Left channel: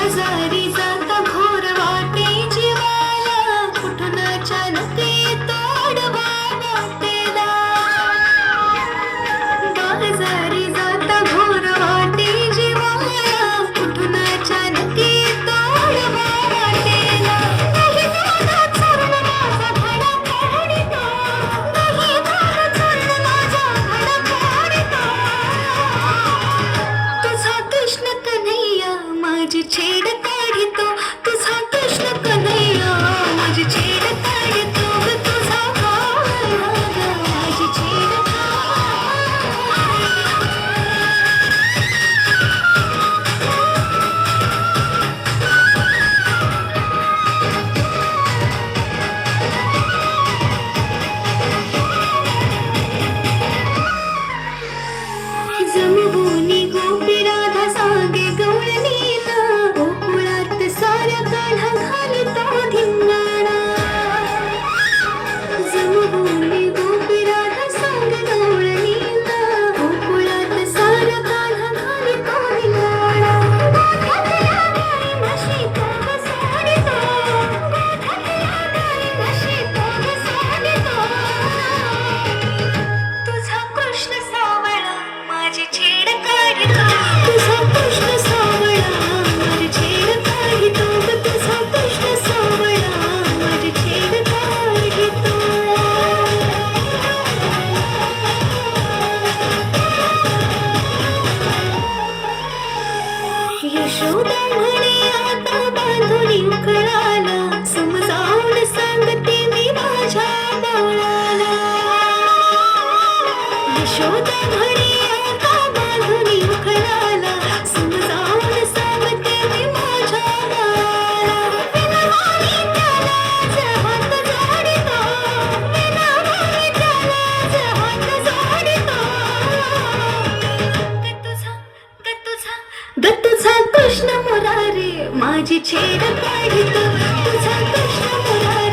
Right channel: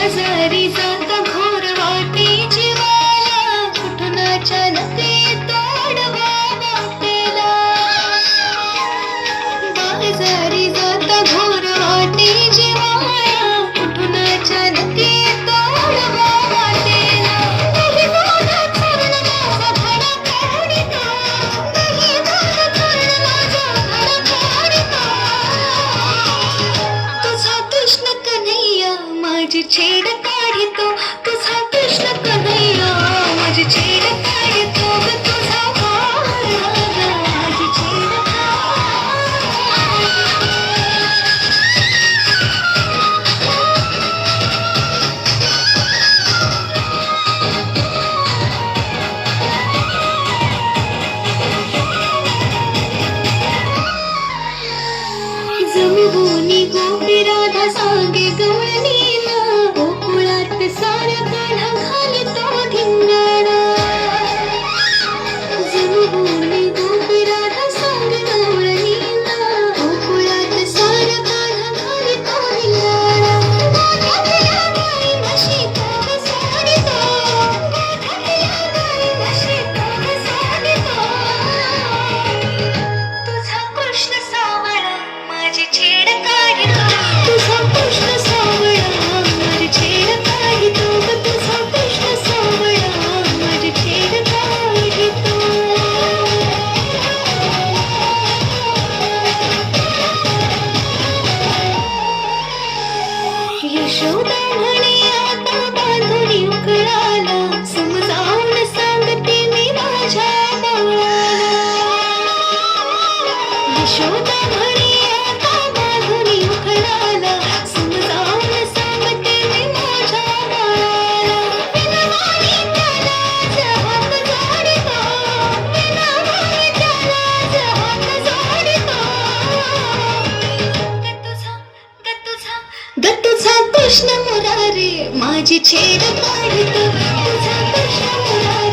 बाजारी जाता घोर वाटे जीवाला, कुठून अचानक येतो आडवा वाटेला. बाजारी जाता घोर वाटे जीवाला, कुठून अचानक येतो आडवा वाटेला. दही दुधात चोरून माझा धडा काढितो, दही दुधात चोरून माझा धडा काढितो. तुझा कृष्ण कन्हैया माझी छेड काढितो, तुझा कृष्ण कन्हैया माझी छेड काढितो ग. तुझा भावला माझी छेड जमबुनी गोपी राधा सांगे गवळणीला, गोकुळात सारा कान्हा घालतो धिंगाणा. जमबुनी गोपी राधा सांगे गवळणीला, गोकुळात सारा कान्हा घालतो धिंगाणा. गोठ्यातल्या गाई म्हशी तो सोडितो, गोठ्यातल्या गाई म्हशी तो सोडितो. तुझा कृष्ण सावळा माझी छेड काढितो, तुझा कृष्ण सावळा माझी छेड काढितो ग. तुझा कृष्ण सावळा माझी छेड काढितो. यशोदा म्हणे आता बांधुनी उकळाला, समजावून सांगते मी माझ्या बाळाला. यशोदा म्हणे आता बांधुनी उकळाला, समजावून सांगते मी माझ्या बाळाला. विनवानी त्यालाच हात जोडितो, विनवानी त्यालाच हात जोडितो. ग तुझा कृष्ण मुरारी माझी छेड काढितो, तुझा कृष्ण मुरारी